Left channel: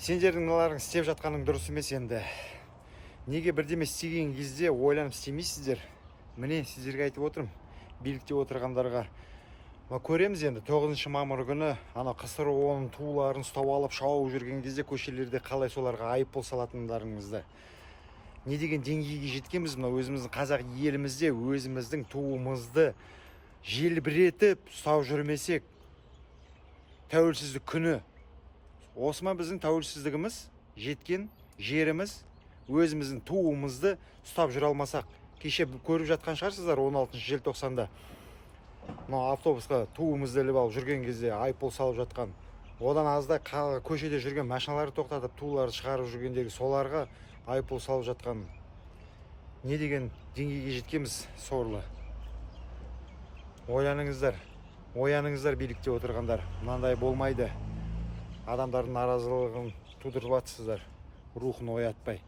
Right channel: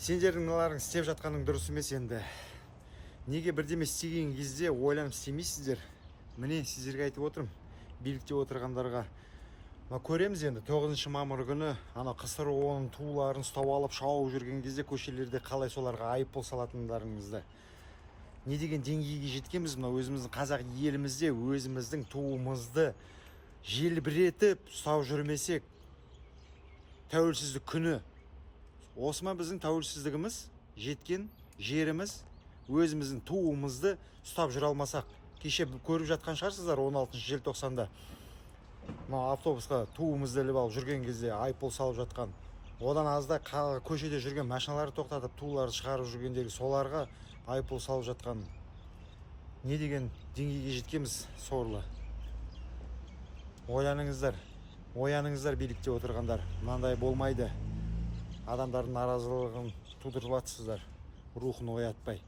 Сендердің мыналарың істеп жатқаның дұрыс емес енді. Неге бірдеме істеген кезде ойланып істемейсіздер? Міне сіздерге айтып отырмын, билікте отырғандарға. Көреміз енді 9 мамыр күні ана КСРО-ның туларын ұстап алып шауып жүрген кезде көшелерде қалай соларға айыппұл салатындарыңызды. Не деген деңгейге жеткенбіз мына өзіміздің қазақ елімізде өзіміздің туымызды желбіретіп ұстап жүрмесек, тәуелсіздік күні осы ма біздің тәуелсіздігіміз, жеткен жеріміз, өзіміздің туымызды ұстап жүре алмасақ? Кеше көріп жатқан шығарсыздар 16 желтоқсанда автобусқа туымызды іліп алып жүрген кезде айыппұл салып жатқан. Одан азда көшеде жүрген машиналарды тоқтатып туларды шығарып жүргендегі соларға айыппұл салып жатқан. Не деген деңгейге жеткенбіз сорлы. Ояныңыздар билікте отырғандар. Мынандай болмайды. Адамдардың наразылығын тудырып жатсыздар, рухын оятпай.